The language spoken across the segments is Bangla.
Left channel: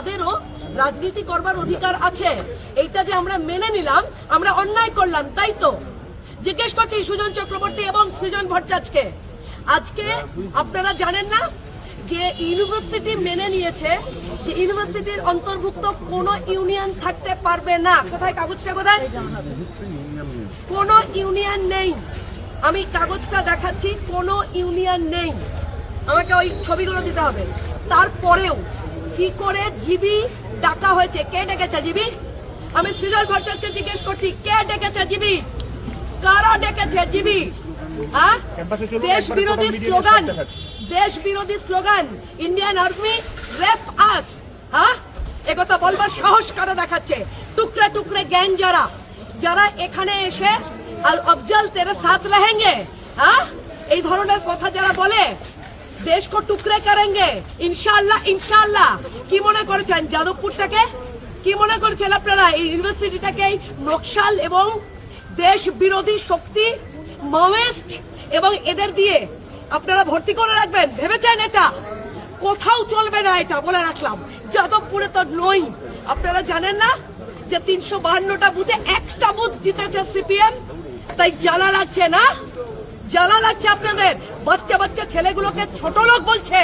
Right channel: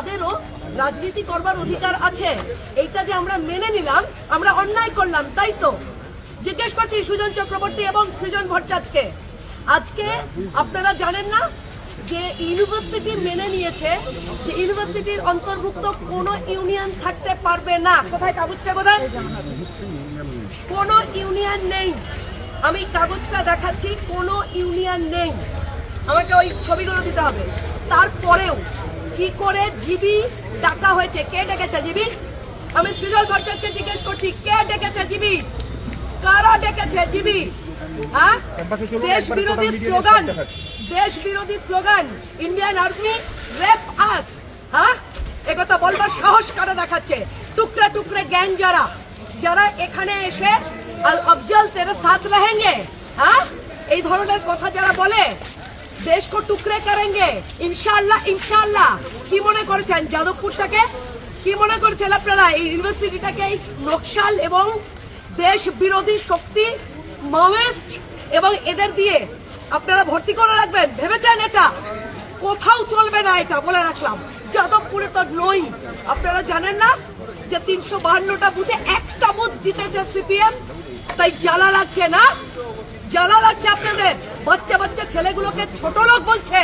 তাদেরও রাজনীতি করবার অধিকার আছে। এইটা যে আমরা মেনে নিলাম, আমরা অন্যায় করলাম, তাই তো? জিজ্ঞেস করছি সুজন চক্রবর্তী এবং সৃজন ভট্টাচার্যকে, আজকে আপনারা জানেন না যে ইউনিভার্সিটি মেনে নিয়েছে যে ইউনিভার্সিটির অন্তর্ভুক্ত কোনো ইউনিয়ন থাকতে পারবে না। কোথায় কাগজটা, কোথায়? কোনো ইউনিয়ন নেই। আমি কাগজটা দেখাচ্ছি, কোনো ইউনিয়ন নেই। আমাকে ওই ছবিগুলো দিতে হবে। তারপরেও কি করে জিবি ডাকা হয়েছে? কে ডেকেছে জিবি? আমি সৃজন ভট্টাচার্যকে জিজ্ঞেস করছি, কে ডেকেছে জিবি? কারা ডেকেছে জিবি? হ্যাঁ, দেশ বিরোধী স্লোগান, দেশ বিরোধী স্লোগান, ইন্ডিয়ান আর্মি রেপ আস। হ্যাঁ, একথা বলবার সাহস কারা দেখাচ্ছে? টুকরে টুকরে গ্যাং যারা যারা এখানে এসে अफजल तेरे साथ रहेंगे, हाँ, এই ধরনের কথা যারা বলে দেশ কো টুকরে করেंगे ইনশাআল্লাহ, ইনশাআল্লাহ। কি মনে করেছেন যাদবপুরটাকে? কি মনে করছেন আপনারা এই ইউনিভার্সিটিটাকে নকশাল এবং দেশ বিরোধী শক্তি, মাওয়িস্ট এবং এদের দিয়ে আপনারা ভর্তি করে রাখবেন? ভেবেছেন এটা? কোথাও চলবে না, এটা বলে রাখলাম। যাদবপুরে তো নই। আপনারা জানেন না যে 352টা বুথে একটা বুথ জিতেছে সিপিএম? তাই জ্বালা লাগছে না? জ্বালা লাগছে আপনাদের? বাচ্চা বাচ্চা ছেলেগুলোকে ছোট লোক বলছে,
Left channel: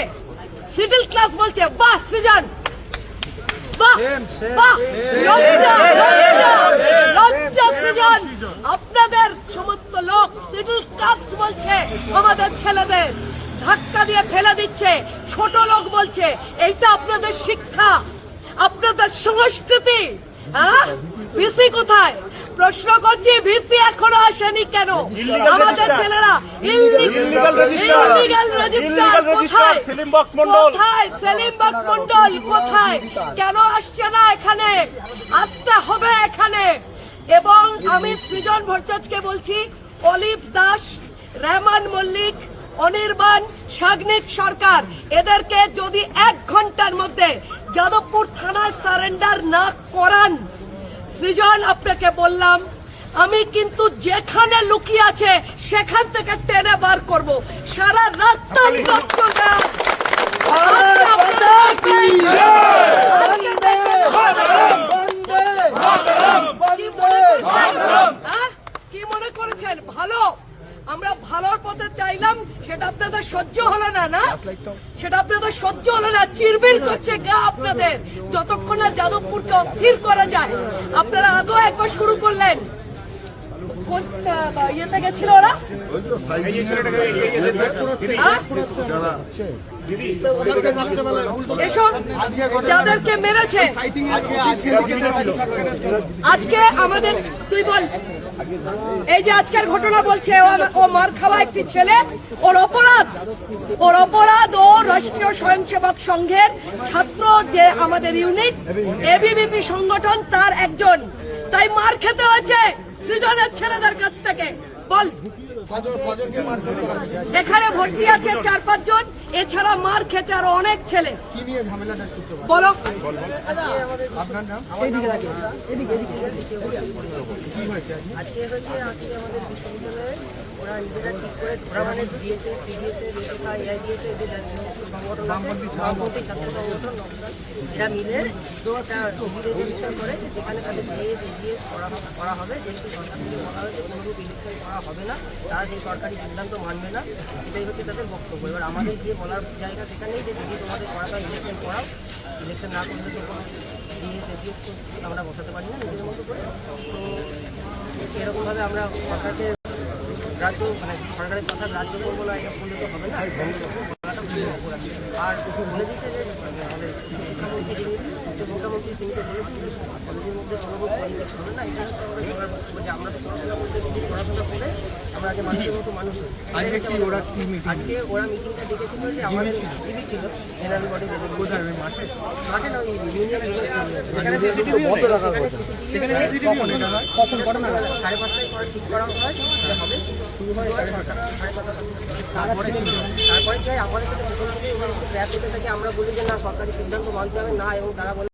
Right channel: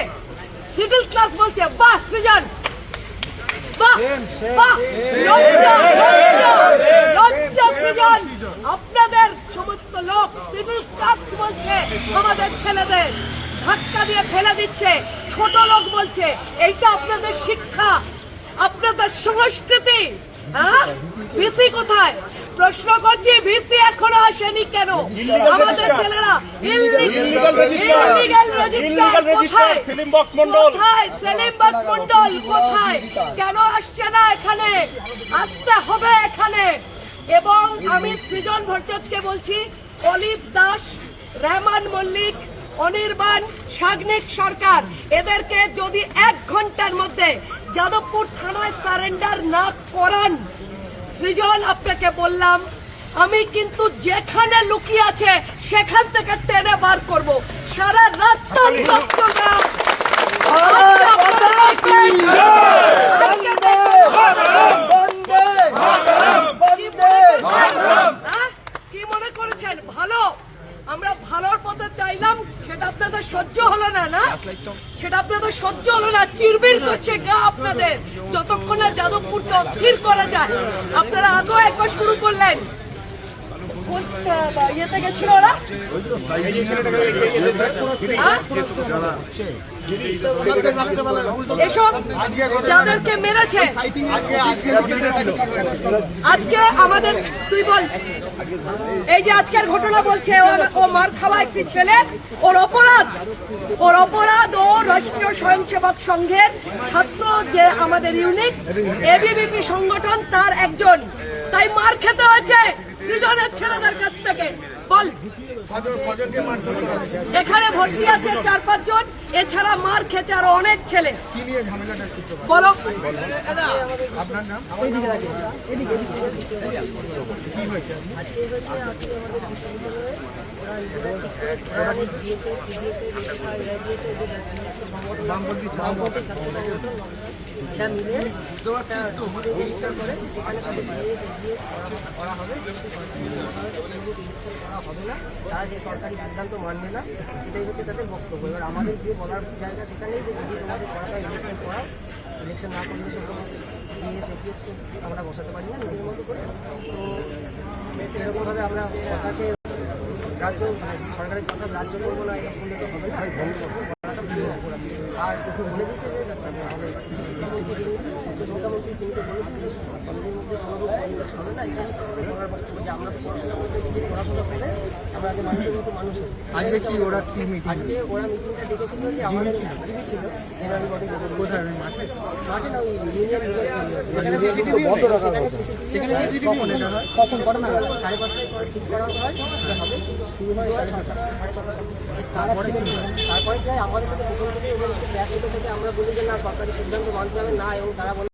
সিভিল ক্লাস বলছে। বাহ সৃজন, বাহ বাহ, লজ্জা লজ্জা লজ্জা সৃজন। আপনাদের সমস্ত লোক সিভিল ক্লাস বলছে, আমাদের ছেলেদের ধাক্কা দিয়ে ফেলে দিচ্ছে, ছোট লোক বলছে। এইটা আপনাদের শিক্ষা, আপনাদের সংস্কৃতি। হ্যাঁ, ভিসি কোথায়? প্রশ্ন করছি, ভিসি এখনো আসেনি কেন? আমাদের ছেলেরা ইললিগাল রেজিস্টার কোথায়? কোথায় সেলিম বক্স মন্ডল কোথায়? কেন আসছে না এখানে? আসতে হবে এখানে। এবং আমি সৃজন ভট্টাচার্যকে বলছি, অলিভ দাস, রহমান মল্লিক, অনির্বাণ, সাগ্নিক সরকার, এদেরকে যদি 1 ঘন্টার মধ্যে যাদবপুর থানায় সারেন্ডার না করান, সৃজন আপনাকে বললাম, আমি কিন্তু যেখানে লুকিয়ে আছে সেখান থেকে টেনে বার করব। সারা রাত কি মনে করেছেন ভালো? আমরা ভালোর পথে চাইলাম, সেটা আপনাদের সহ্য হলো না, না? সেটা আপনাদের সহ্য হলো না। চিরবির করছে গা আপনাদের, যতক্ষণ না যাদবপুরকে অস্থির করা যায়। আপনারা আগেও একবার শুরু করলেন, ইয়েতে গেছিল ওরা, এসব যাদেরকে মেরেছে। আজকে আমাদের, তুই বল, এই যে আজকের ঘটনা বলছে ও মার খাওয়া একটি ছেলে, ওর অপরাধ ও রাষ্ট্রীয় স্বয়ংসেবক সংঘের ছাত্র, যে আমাদের ইউনিট এবিভিপি সংগঠন, তার একজন। তাই মার খেতে হয়েছে সৃজনের ছেলেদের কাছ থেকে। বল, এখানে ভর্তি আছে 4-5 জন, এছাড়া মার খেতে আরো অনেক ছেলে। বলো, এটা মিলে করে যেখানে করা হবে, করা হবে না, তারা সেই সরকারি সিদ্ধান্ত মানবে না, এটাই হচ্ছে তাদের বক্তব্য। এবার আমাদের গিয়ে বলার জায়গা সেখানেই যে যদি তোমাদের করাতে হয় ইলেকশন করাও, ইলেকশন না করলে তো কোনো জিএস তো আমরা বসাতে পারি না নিজেদের মতো করে। তো এরকমভাবে আমরা সরকারকে রাজ্য, মানে সরকারের কথা রাজ্য করবো না, এটা বললে তো হবে না, বলাটা পুরো অপরাধ। আর বলে দিচ্ছে যে আমাদের শিক্ষামন্ত্রী, যিনি উচ্চশিক্ষামন্ত্রী, তিনি তো বলেছেন যে কলেজের মধ্যে কোনো রূপ পরিবেশ হবে না। এটা হচ্ছে আমাদের বলার বক্তব্য যে আমরা তো পড়াশোনা করতে যদি পড়াশোনা করে আমরা আগে মানুষের মতো মানুষ হই। আজকে ওরা মিটিংটা ডেকেছিল যে আমাদের টিভি ছিল জেনারেল বডি, মাঠে না, ওই ইউনিয়ন সেখানে সিসিটিভি কখন ঘটনা 5:30টায় পরে ঠিক করা হয় যে হবে, কিন্তু শুরু হয় 5:30। তারপরে কি হয়, আমাদের সাথে প্রথম থেকে ওদের ক্র্যাশ হতে থাকে। আমরা বলি যে না, সরকারি সিদ্ধান্ত মানতে হবে না, এবং তারা বলে